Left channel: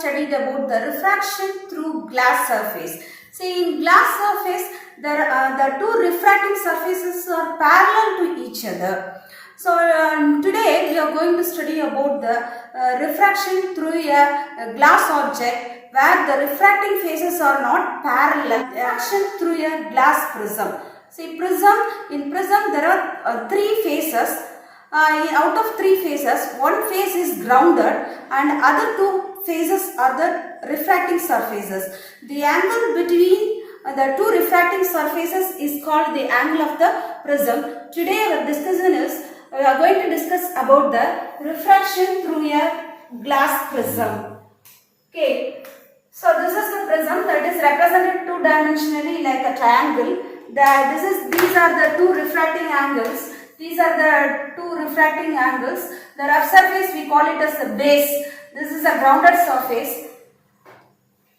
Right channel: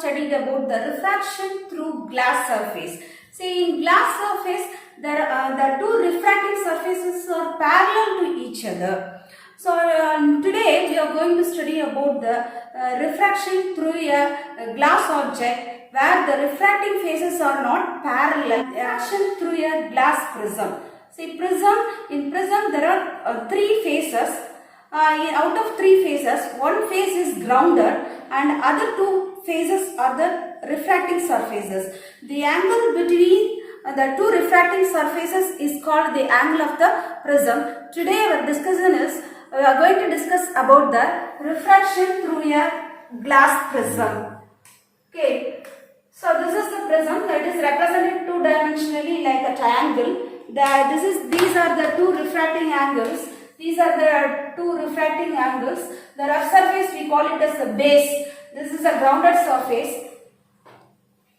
studied about the refraction through glass surface. See, in glass surface, the two refracting surfaces are parallel to each other. So, today we are going to study about the refraction through a glass object where the refracting phases are not parallel. Refraction through a glass prism. See, in prism there are three phases. Out of three phases, one phase is grounded and other two phases are the refracting surfaces. The angle between the two refracting surfaces is called the angle of the prism. Today our discussion is, we are going to discuss about the refraction through a glass prism. Okay, so this is the prism that is represented two-dimensionally like a triangle. These are the two refracting angles. These are the two refracting angles. The rough surface we call it as the base. This is a grounded surface.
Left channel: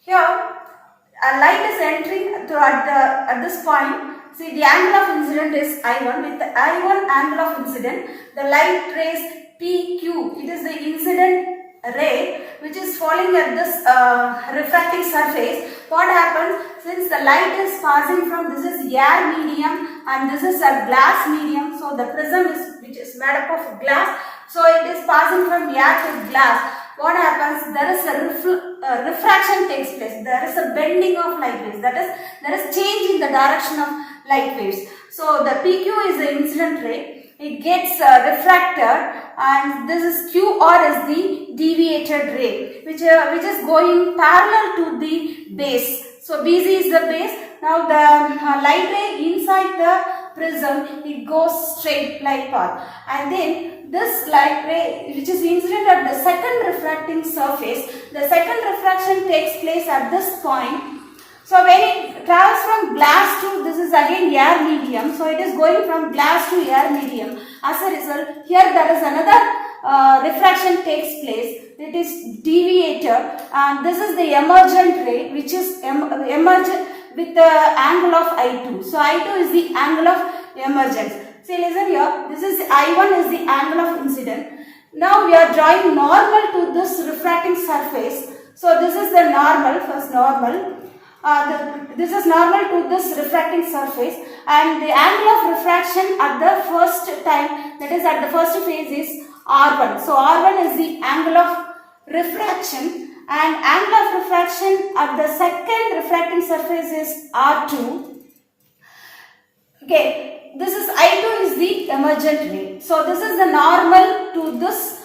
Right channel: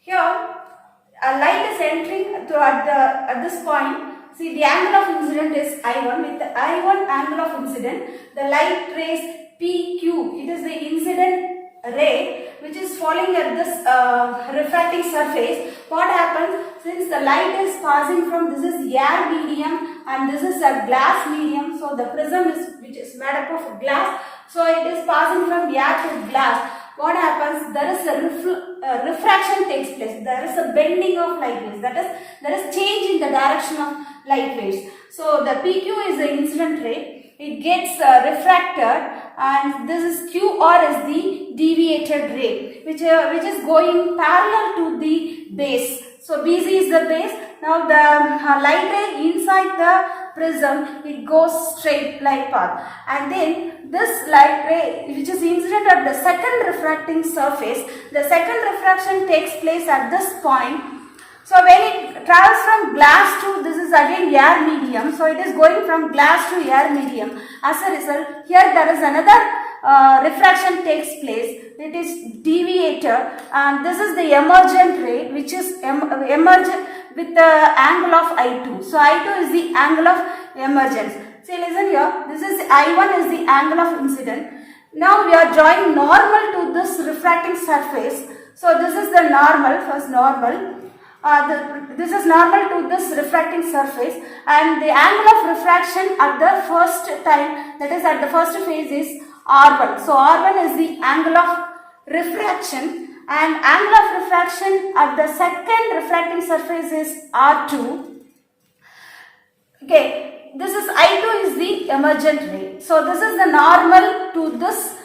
Here a light is entering at this point. See, the angle of incident is I1. With the I1 angle of incident, the light rays PQ. It is the incident ray which is falling at this refracting surface. What happens, since the light is passing from, this is air medium and this is a glass medium, so the prism which is made up of glass, so it is passing from air to glass. What happens, there is a refraction takes place, there is a bending of light waves, that is, there is change in the direction of light waves. So the PQ is the incident ray, it gets refracted, and this is QR is the deviated ray which is going parallel to the base. So BC is the base. Now the light ray inside the prism, it goes straight like path, and then this light ray which is incident at the second refracting surface, the second refraction takes place at this point. So when it travels from glass to, this is again air medium, so it is going from glass to air medium. As a result, here there is another refraction takes place. It is deviated, and this is the emergent ray which is emergent with the angle of I2. So I2 is the angle of emergence. See, listen here, this is I1 is the angle of incident. Now we are drawing normal to this refracting surface. So this is the normal, first normal. This is normal to this refracting surface, and the angle of refraction at the first time, that is at the first phase, is R1. So R1 is the angle of refraction, and angle of refraction at the second refracting surface is R2. Okay, this is I2 is the emergent ray. So this is the normal to this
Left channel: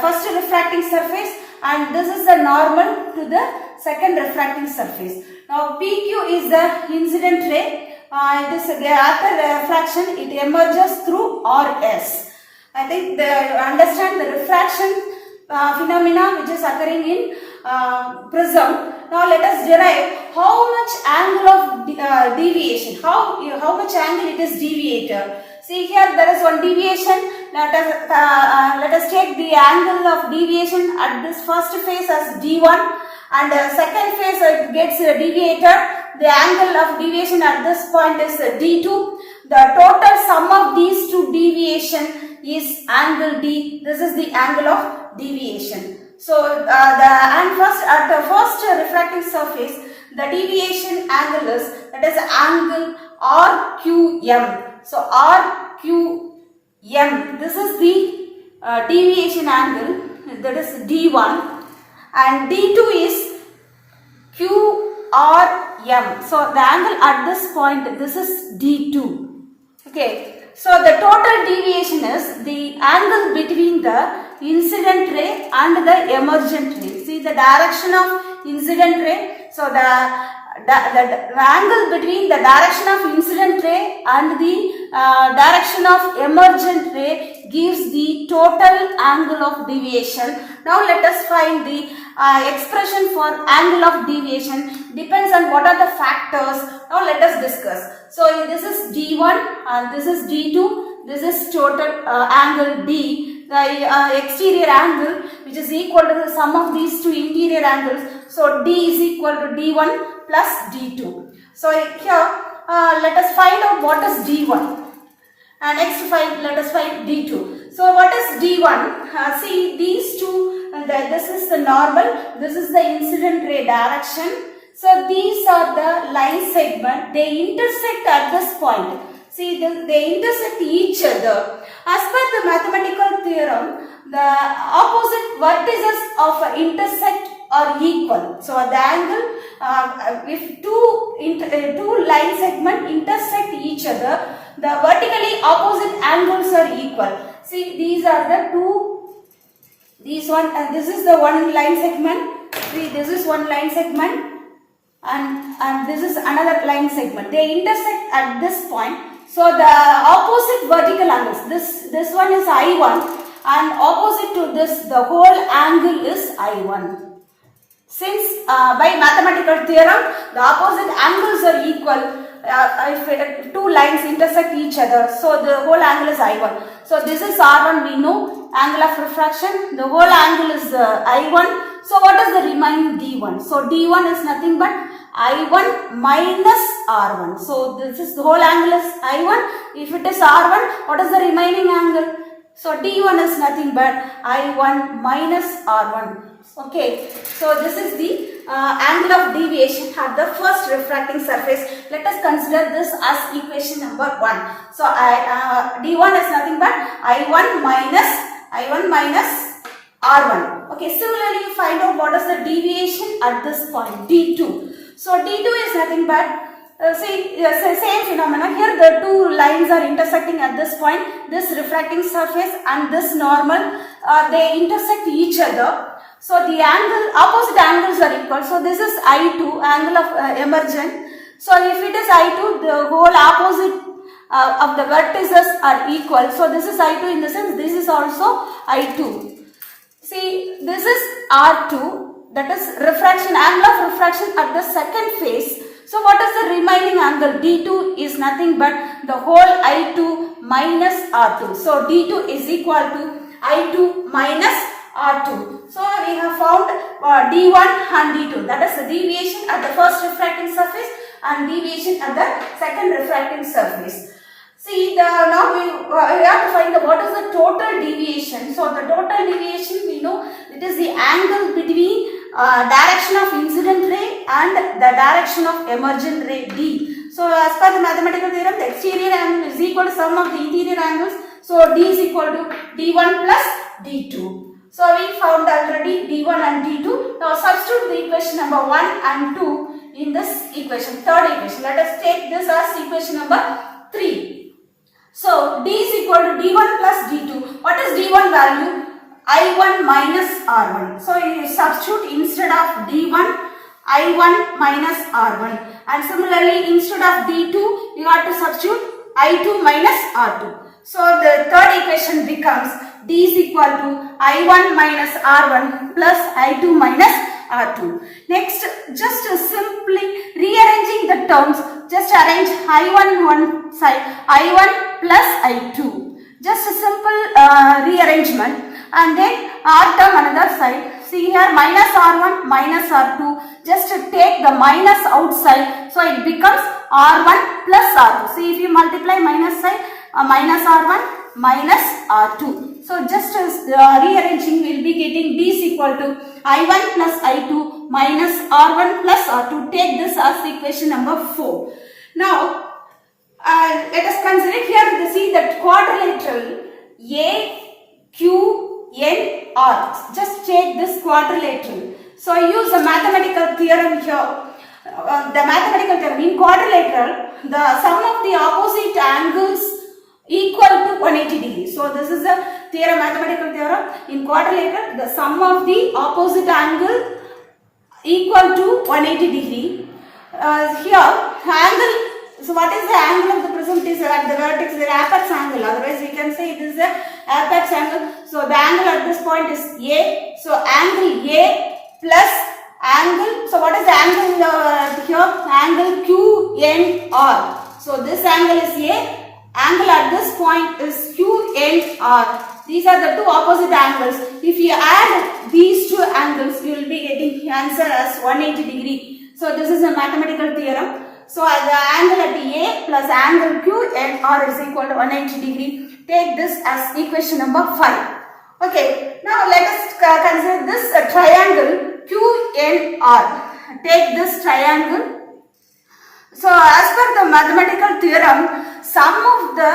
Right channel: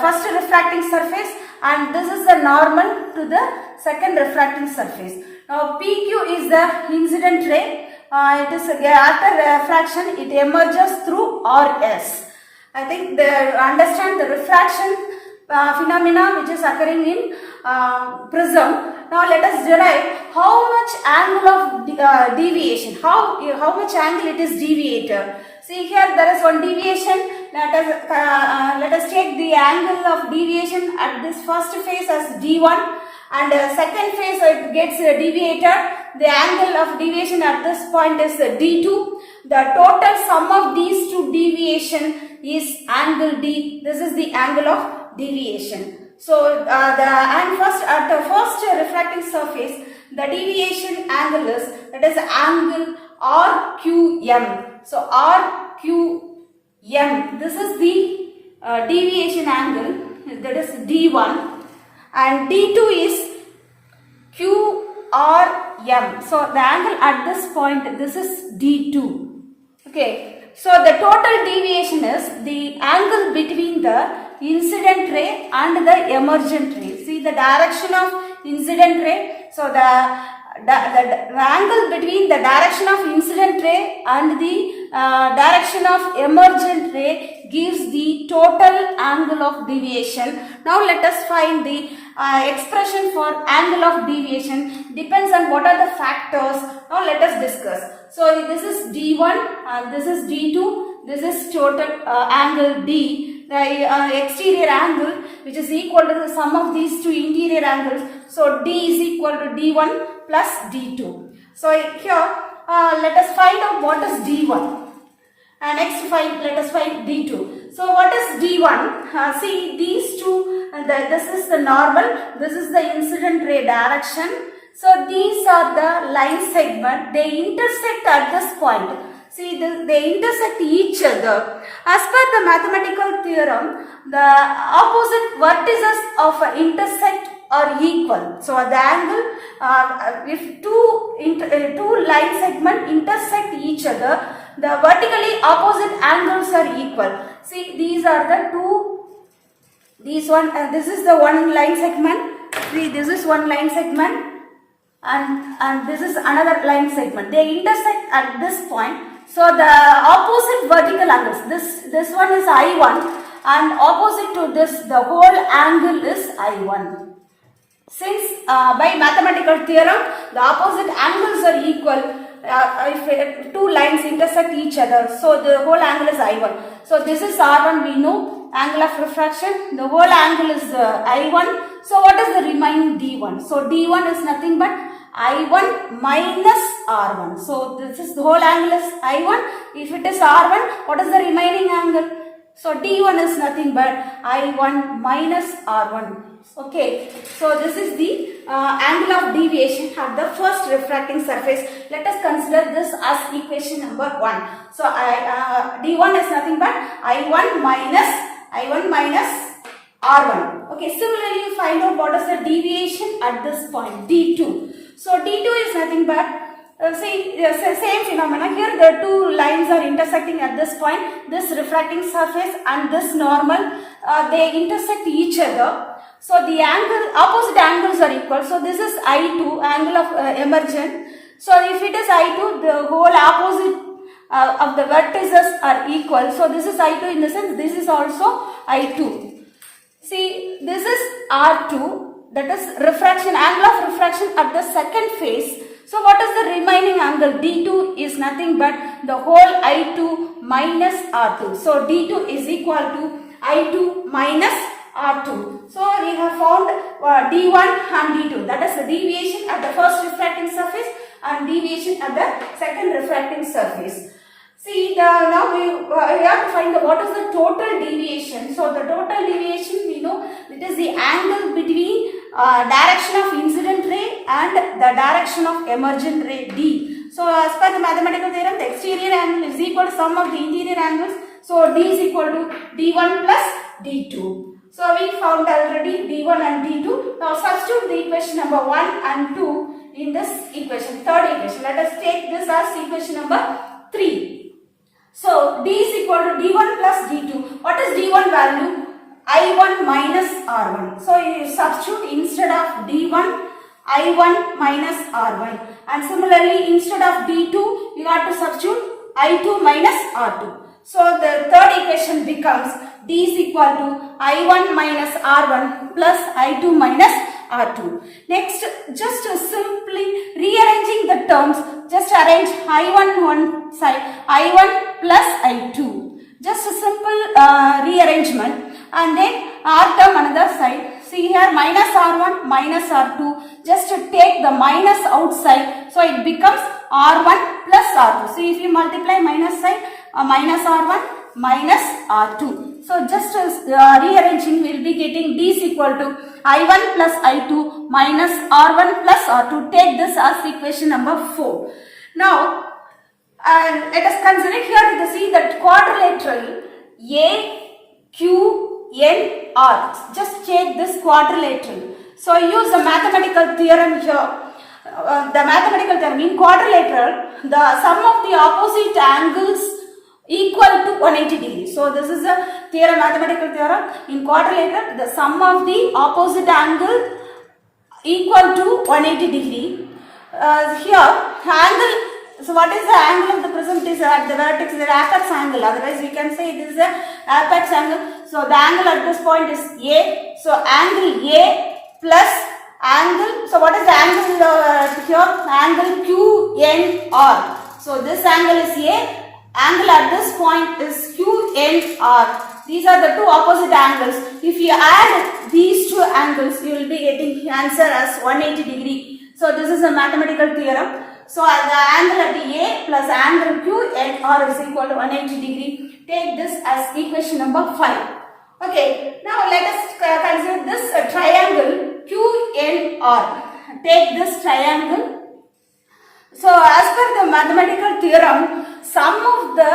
first refracting surface, and this is the normal to the second refracting surface. Now PQ is the incident ray. It is after refraction, it emerges through RS. I think they understand the refraction phenomena which is occurring in prism. Now let us derive how much angle of deviation, how much angle it is deviated. See, here there is one deviation. Let us take the angle of deviation at this first phase as D1, and second phase it gets deviated. The angle of deviation at this point is D2. The total sum of these two deviation is angle D. This is the angle of deviation. So at the first refracting surface, the deviation angle is, that is angle RQM. So RQM, this is the deviation angle, that is D1, and D2 is QRM. So the angle at this point, this is D2. Okay, so the total deviation is the angle between the incident ray and the emergent ray. See the direction of incident ray. So the angle between the direction of incident ray and the direction of emergent ray gives the total angle of deviation. Now let us find the expression for angle of deviation. Depends on what are the factors. Now let us discuss. So this is D1 and this is D2. This is total angle D. The exterior angle which is equal to the sum of these two interior angles. So D is equal to D1 plus D2. So here let us find out what is D1. And next let us find D2. So what is D1? See, these two this is the normal, this is the incident ray direction. So these are the line segment, they intersect at this point. See, they intersect each other. As per the mathematical theorem, the opposite vertices of intersect are equal. So the angle, if two line segments intersect each other, the vertically opposite angles are equal. See, these are the two, this is the one line segment. See, this is one line segment, and this is another line segment. They intersect at this point. So the opposite vertical angles, this one is I1, and opposite to this, the whole angle is I1. Since by mathematical theorem, the opposite angles are equal if two lines intersect each other. So the whole angle is I1. So this is R1, we know, angle of refraction. The whole angle is I1. So what is the remaining D1? So D1 is nothing but I1 minus R1. So this is the whole angle is I1. If it is R1, what is the remaining angle? So D1 is nothing but I1 minus R1. Okay, so this is the angle of deviation at the first refracting surface. Let us consider this as equation number 1. So D1 is nothing but I1 minus R1. Okay, similarly you find out what is the deviation at this point, D2. So D2 is nothing but same phenomena. Here the two lines are intersecting at this point, this refracting surface and this normal, they intersect each other. So the opposite angles are equal. So this is I2, angle of emergent. So if it is I2, the whole opposite of the vertices are equal. So this is I2 in the sense this is also I2. See, this is R2, that is refraction, angle of refraction at the second phase. So what is the remaining angle? D2 is nothing but the whole I2 minus R2. So D2 is equal to I2 minus R2. So we have found D1 and D2, that is the deviation at the first refracting surface and deviation at the second refracting surface. See, now we have to find what is the total deviation. So the total deviation, we know it is the angle between direction of incident ray and the direction of emergent ray D. So as per the mathematical theorem, the exterior angle is equal to sum of the interior angles. So D is equal to D1 plus D2. So we found already D1 and D2. Now substitute the equation number 1 and 2 in this equation, third equation. Let us take this as equation number 3. So D is equal to D1 plus D2. What is D1 value? I1 minus R1. So you substitute instead of D1, I1 minus R1. And similarly, instead of D2, you have to substitute I2 minus R2. So the third equation becomes D is equal to I1 minus R1 plus I2 minus R2. Next, just simply rearranging the terms, just arrange I1 one side, I1 plus I2. Just a simple rearrangement, and then R term another side. See here, minus R1 minus R2. Just take the minus outside, so it becomes R1 plus R2. See, if you multiply minus side, minus R1 minus R2. So just as rearranging, we will be getting D is equal to I1 plus I2 minus R1 plus R2. Take this as equation number 4. Now, let us consider here, you see that quadrilateral AQNR. Just check this quadrilateral. So use the mathematical theorem here. The mathematical theorem in quadrilateral, the sum of the opposite angles equal to 180 degrees. So this is the theorem, mathematical theorem. In quadrilateral, the sum of the opposite angle equal to 180 degree. Here, angle. So what is the angle of the prism? It is at the vertex, the apex angle. Otherwise, we can say it is the apex angle. So the angle at this point is A. So angle A plus angle. So what is the angle here? Angle QNR. So this angle is A. Angle at this point is QNR. These are the two opposite angles. If you add these two angles, you will be getting the answer as 180 degree. So this is a mathematical theorem. So the angle at A plus angle QNR is equal to 180 degree. Take this as equation number 5. Okay, now let us consider this triangle QNR. Take this triangle. So as per the mathematical theorem, sum of the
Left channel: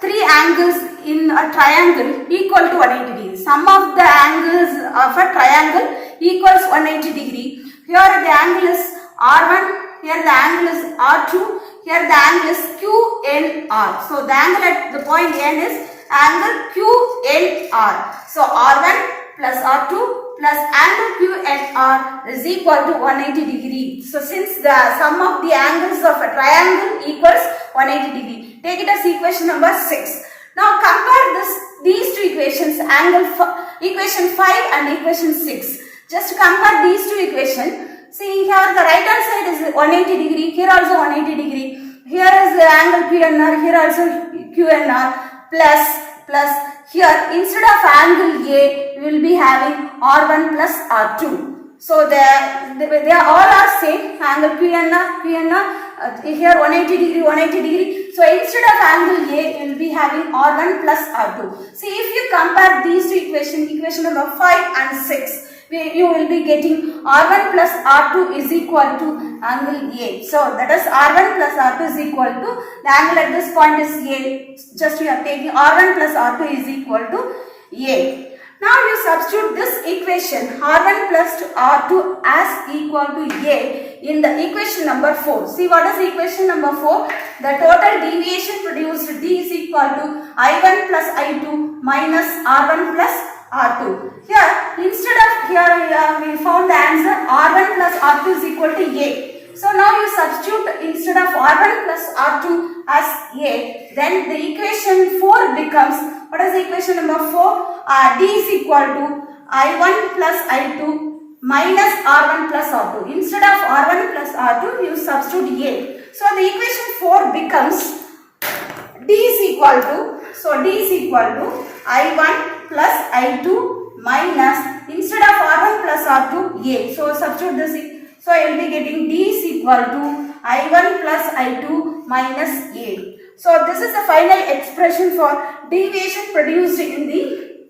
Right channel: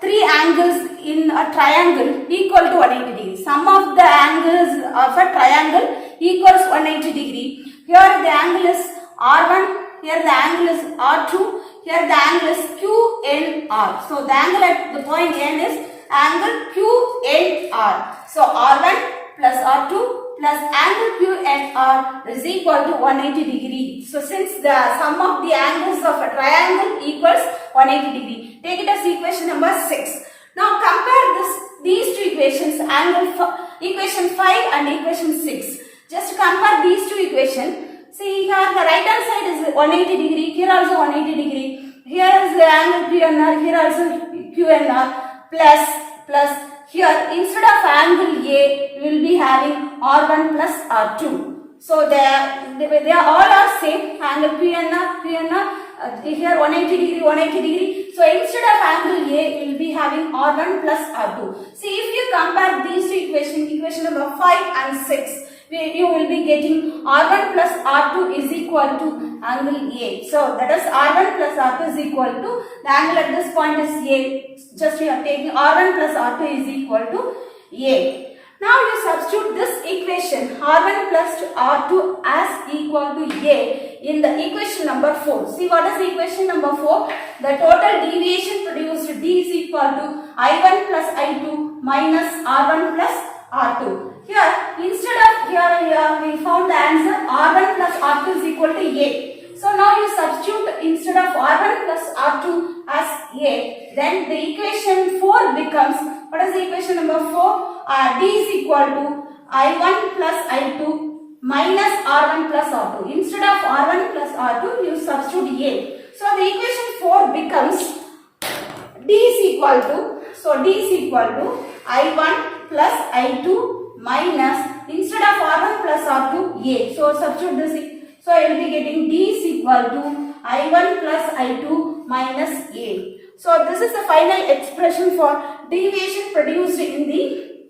three angles in a triangle equal to 180 degree. Sum of the angles of a triangle equals 180 degree. Here the angle is R1, here the angle is R2, here the angle is QNR. So the angle at the point N is angle QNR. So R1 plus R2 plus angle QNR is equal to 180 degree. So since the sum of the angles of a triangle equals 180 degree, take it as equation number 6. Now compare these two equations, equation 5 and equation 6. Just compare these two equations. See here the right hand side is 180 degree, here also 180 degree. Here is the angle QNR, here also QNR plus here instead of angle A, we will be having R1 plus R2. So they are all are same, angle QNR, here 180 degree, 180 degree. So instead of angle A, you will be having R1 plus R2. See, if you compare these two equations, equation number 5 and 6, you will be getting R1 plus R2 is equal to angle A. So that is R1 plus R2 is equal to, the angle at this point is A. Just we are taking R1 plus R2 is equal to A. Now you substitute this equation R1 plus R2 as equal to A in the equation number 4. See what is equation number 4? The total deviation produced D is equal to I1 plus I2 minus R1 plus R2. Here, instead of here we found the answer R1 plus R2 is equal to A. So now you substitute instead of R1 plus R2 as A. Then the equation 4 becomes, what is the equation number 4? D is equal to I1 plus I2 minus R1 plus R2. Instead of R1 plus R2, you substitute A. So the equation 4 becomes D is equal to, so D is equal to I1 plus I2 minus, instead of R1 plus R2, A. So substitute this. So I will be getting D is equal to I1 plus I2 minus A. So this is the final expression for deviation produced in the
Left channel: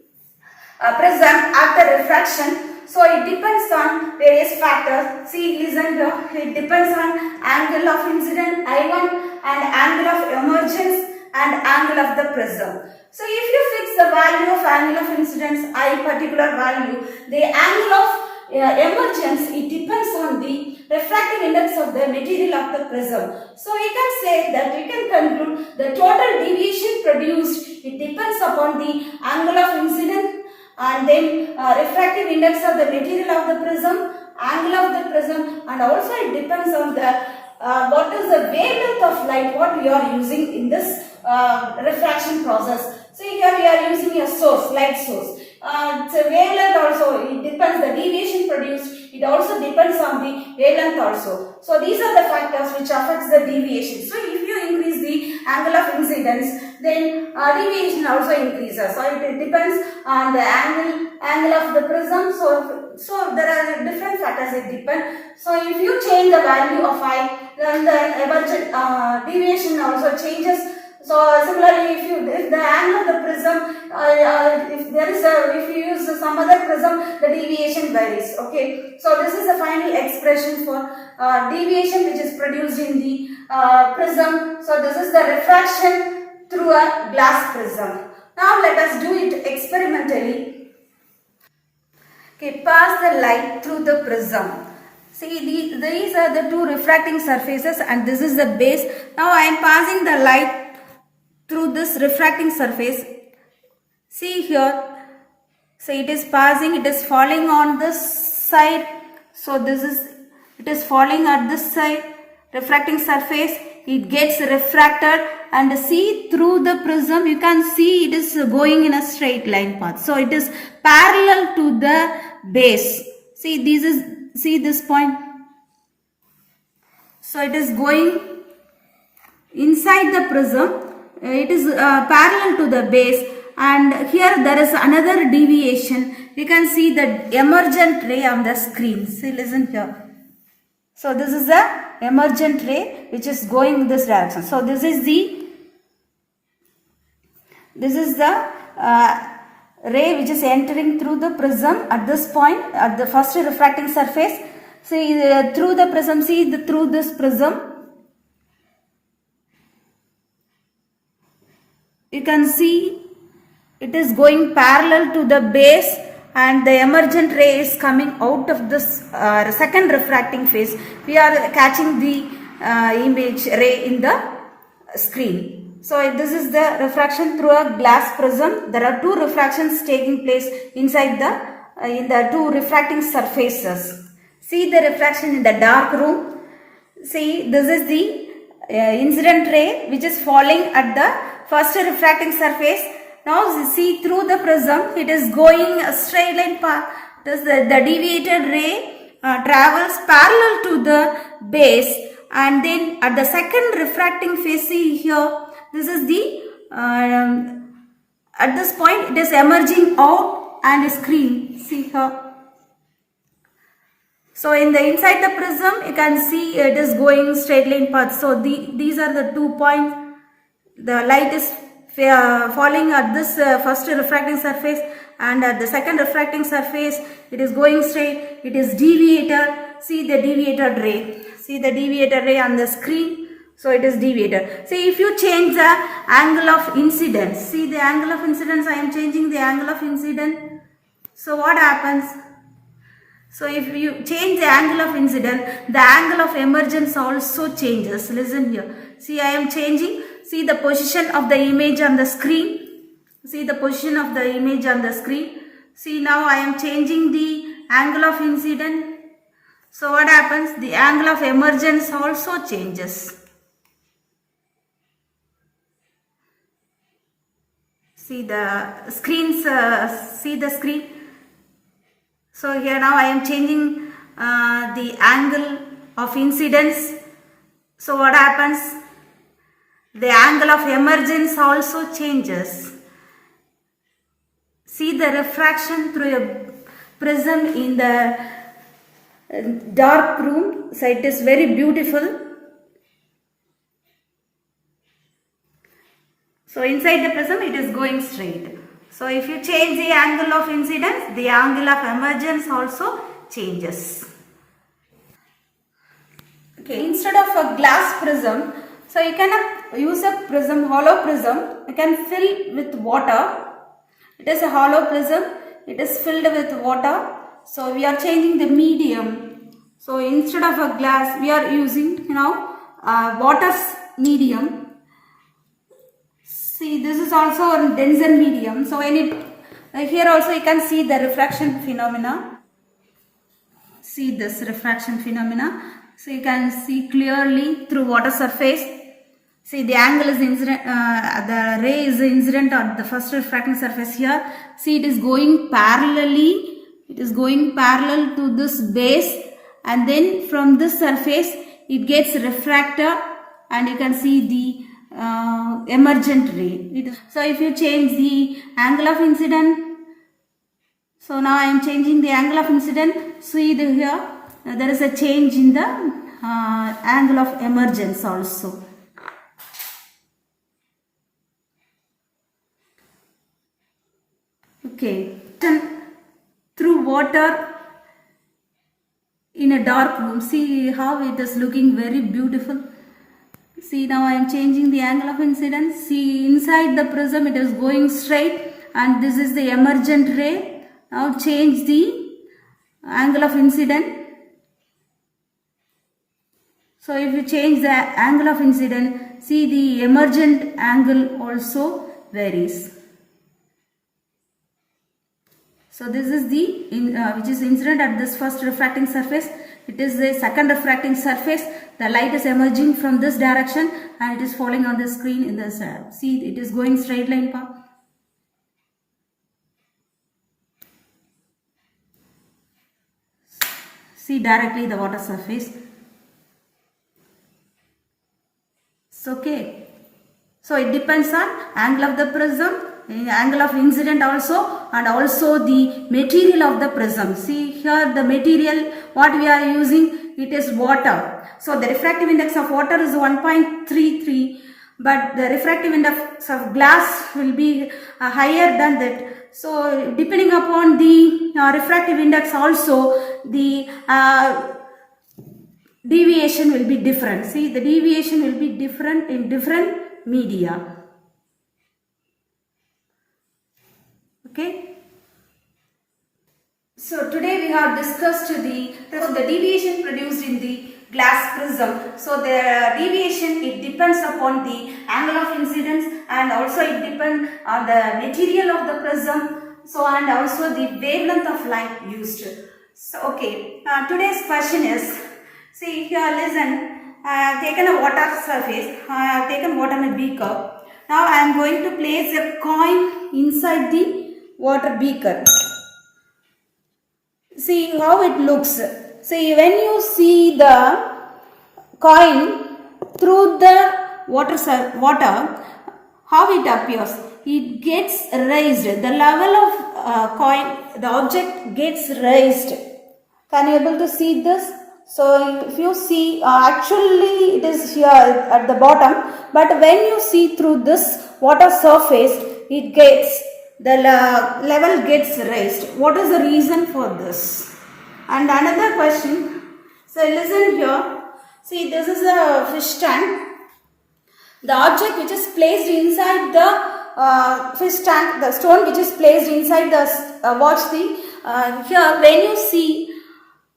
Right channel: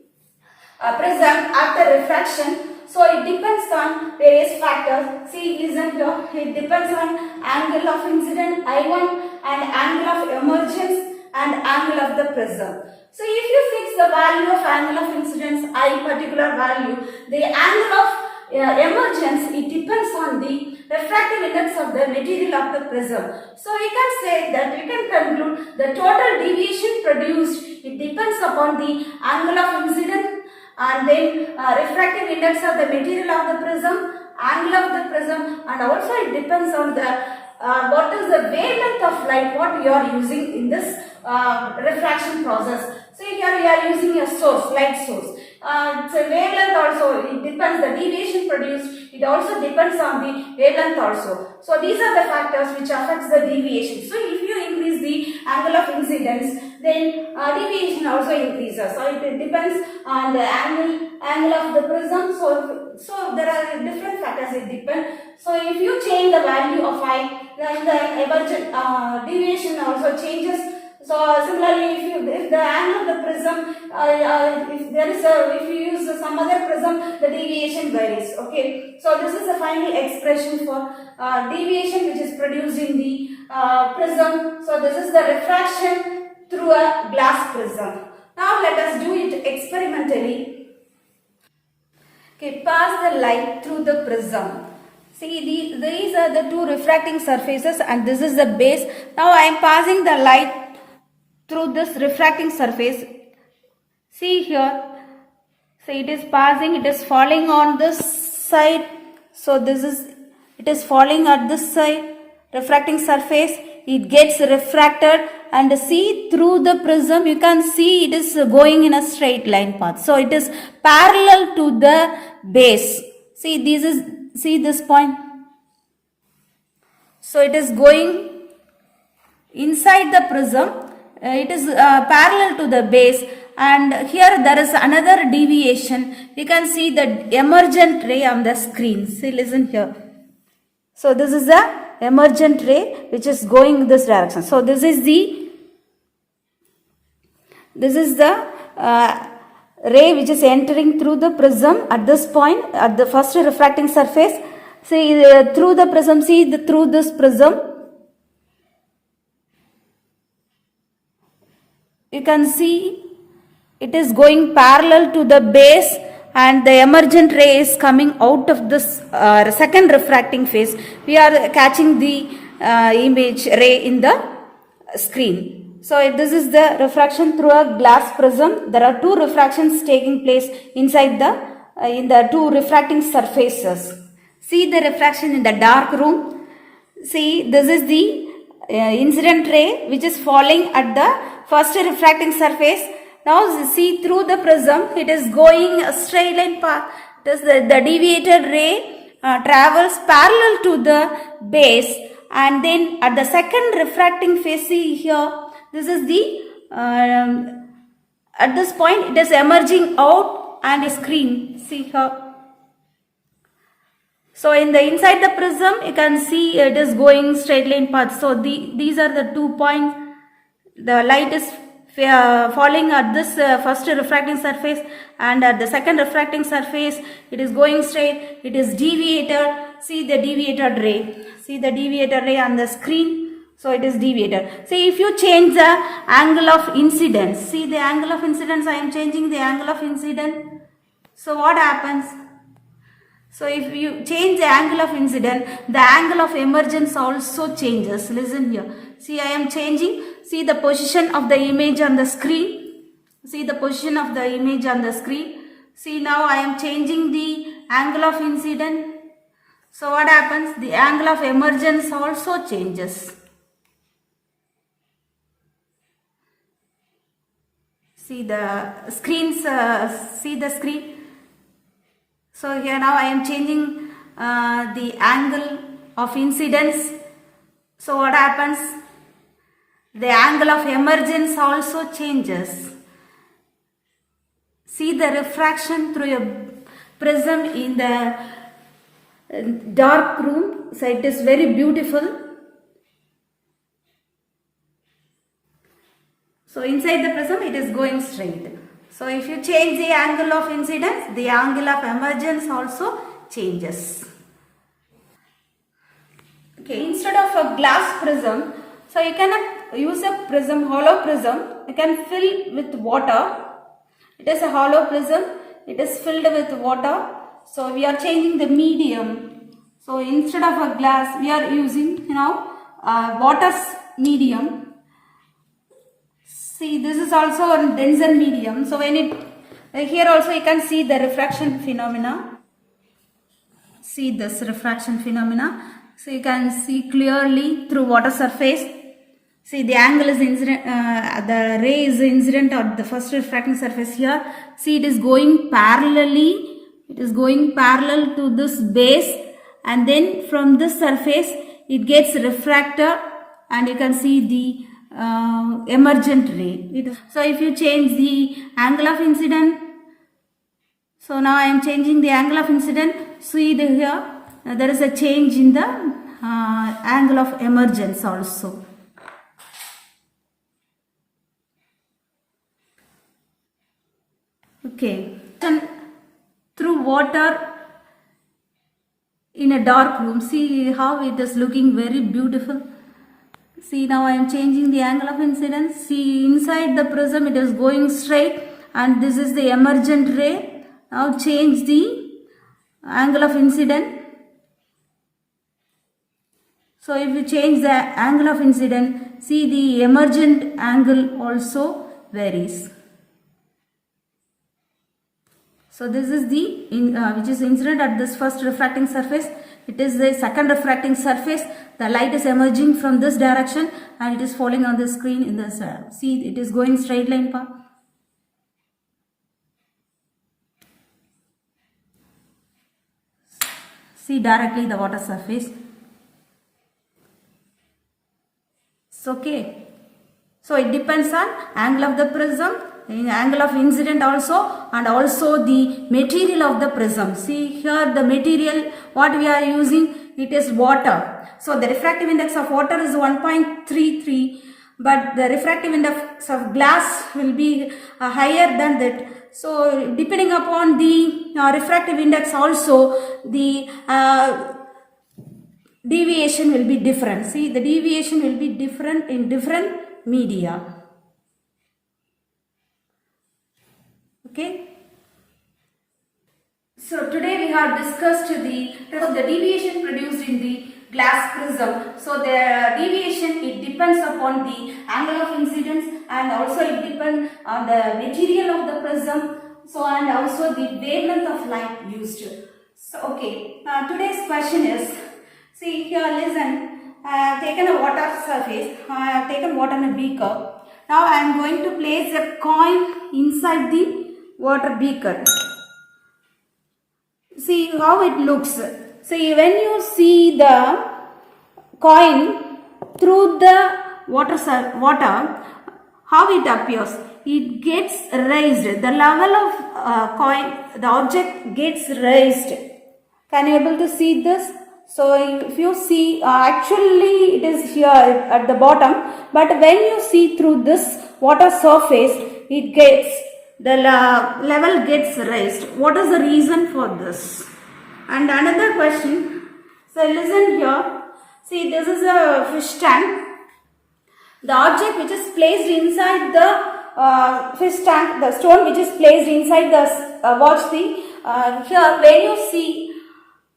prism after refraction. So it depends on various factors. See, listen here. It depends on angle of incident I1 and angle of emergence and angle of the prism. So if you fix the value of angle of incidence I particular value, the angle of emergence, it depends on the refractive index of the material of the prism. So we can say that, we can conclude the total deviation produced, it depends upon the angle of incidence and then refractive index of the material of the prism, angle of the prism, and also it depends on the what is the wavelength of light what we are using in this refraction process. See, here we are using a source, light source. It's a wavelength also, it depends, the deviation produced, it also depends on the wavelength also. So these are the factors which affects the deviation. So if you increase the angle of incidence, then deviation also increases. So it depends on the angle of the prism. So there are different factors it depends. So if you change the value of I, then the emergent deviation also changes. So similarly, if the angle of the prism, if you use some other prism, the deviation varies. Okay. So this is the final expression for deviation which is produced in the prism. So this is the refraction through a glass prism. Now let us do it experimentally. Okay, pass the light through the prism. See, these are the two refracting surfaces and this is the base. Now I am passing the light through this refracting surface. See here, so it is passing, it is falling on this side. So it is falling at this side, refracting surface, it gets refracted and see through the prism, you can see it is going in a straight line path. So it is parallel to the base. See, see this point. So it is going inside the prism. It is parallel to the base, and here there is another deviation. We can see the emergent ray on the screen. See, listen here. So this is the emergent ray which is going in this direction. So this is the ray which is entering through the prism at this point at the first refracting surface. See through the prism, through this prism you can see it is going parallel to the base, and the emergent ray is coming out of this second refracting phase. We are catching the image ray in the screen. So this is the refraction through a glass prism. There are two refractions taking place inside the in the two refracting surfaces. See the refraction in the dark room. See, this is the incident ray which is falling at the first refracting surface. Now see through the prism, it is going a straight line path. The deviated ray travels parallel to the base, and then at the second refracting phase, see here, this is the at this point it is emerging out and is green. See here. So in the inside the prism, you can see it is going straight line path. So these are the 2 points. The light is falling at this first refracting surface, and at the second refracting surface it is going straight. It is deviated. See the deviated ray. See the deviated ray on the screen. So it is deviated. See, if you change the angle of incidence, see the angle of incidence, I am changing the angle of incidence. So what happens? So if you change the angle of incidence, the angle of emergence also changes. Listen here. See, I am changing. See the position of the image on the screen. See the position of the image on the screen. See, now I am changing the angle of incidence. So what happens? The angle of emergence also changes. See the screens, see the screen. So here now I am changing the angle of incidence. So what happens? The angle of emergence also changes. See the refraction through a prism in the dark room. So it is very beautiful. So inside the prism it is going straight. So if you change the angle of incidence, the angle of emergence also changes. Okay, instead of a glass prism, so you can use a prism, hollow prism. You can fill with water. It is a hollow prism. It is filled with water. So we are changing the medium. So instead of a glass, we are using now water's medium. See, this is also a denser medium. So when it here also you can see the refraction phenomena. See this refraction phenomena. So you can see clearly through water surface. See the angle is incident, the ray is incident on the first refracting surface here. See it is going parallelly. It is going parallel to this base, and then from this surface it gets refracted, and you can see the emergent ray. So if you change the angle of incidence, so now I am changing the angle of incidence. See here there is a change in the angle of emergence also. Okay, through water in a dark room. See how it is looking very beautiful. See, now I am changing the angle of incidence. See, inside the prism it is going straight, and this is the emergent ray. Now change the angle of incidence. So if you change the angle of incidence, see the emergent angle also varies. So this is the which is incident at this first refracting surface. It is the second refracting surface. The light is emerging from this direction, and it is falling on the screen in this see it is going straight line path. See directly the water surface. It's okay. So it depends on angle of the prism, angle of incident also, and also the material of the prism. See here the material what we are using, it is water. So the refractive index of water is 1.33. but the refractive index of glass will be higher than that. So depending upon the refractive index also, the deviation will be different. See, the deviation will be different in different media. Okay. So today we have discussed the deviation produced in the glass prism. So the deviation, it depends upon the angle of incidence, and also it depends on the material of the prism. So and also the wavelength of light used. So okay, today's question is, see here, listen, I have taken a water surface, I have taken water in a beaker. Now I am going to place a coin inside the water beaker. See how it looks. See, when you see the coin through the water, how it appears? It gets raised. The level of coin, the object gets raised. Can you able to see this? So if you see, actually it is here at the bottom, but when you see through this water surface, it gets, the level gets raised. What is the reason for this? And another question, so listen here, see this is a fish tank. The object which is placed inside the fish tank, the stone which is placed inside the, watch the, here when you see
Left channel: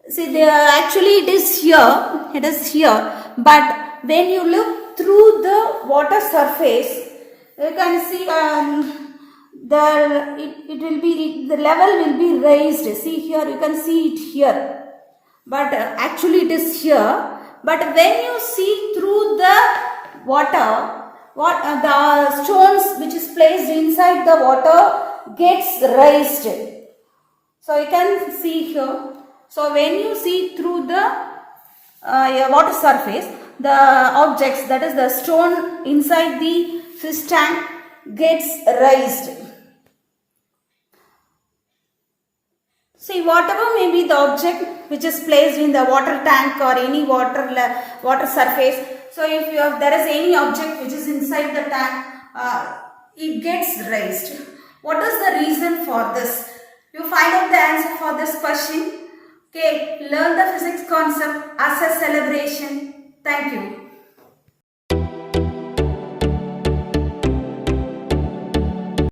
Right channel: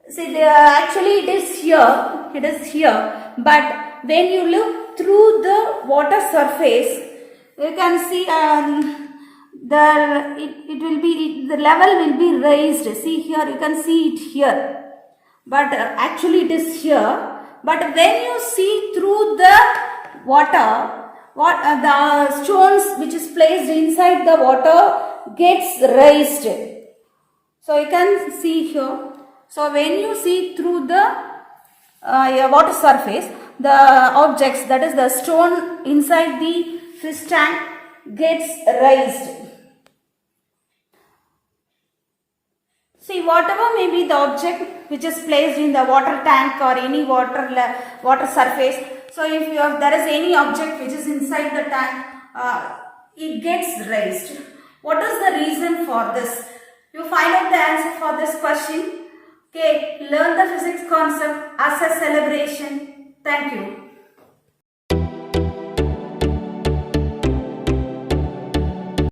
actually it is here, but when you look through the water surface, you can see it will be, the level will be raised. See here, you can see it here, but actually it is here. But when you see through the water, the stones which is placed inside the water gets raised. So you can see here. So when you see through the water surface, the objects, that is the stone inside the fish tank, gets raised. See, whatever may be the object which is placed in the water tank or any water surface. So if there is any object which is inside the tank, it gets raised. What is the reason for this? You find out the answer for this question. Okay, learn the physics concept as a celebration. Thank you.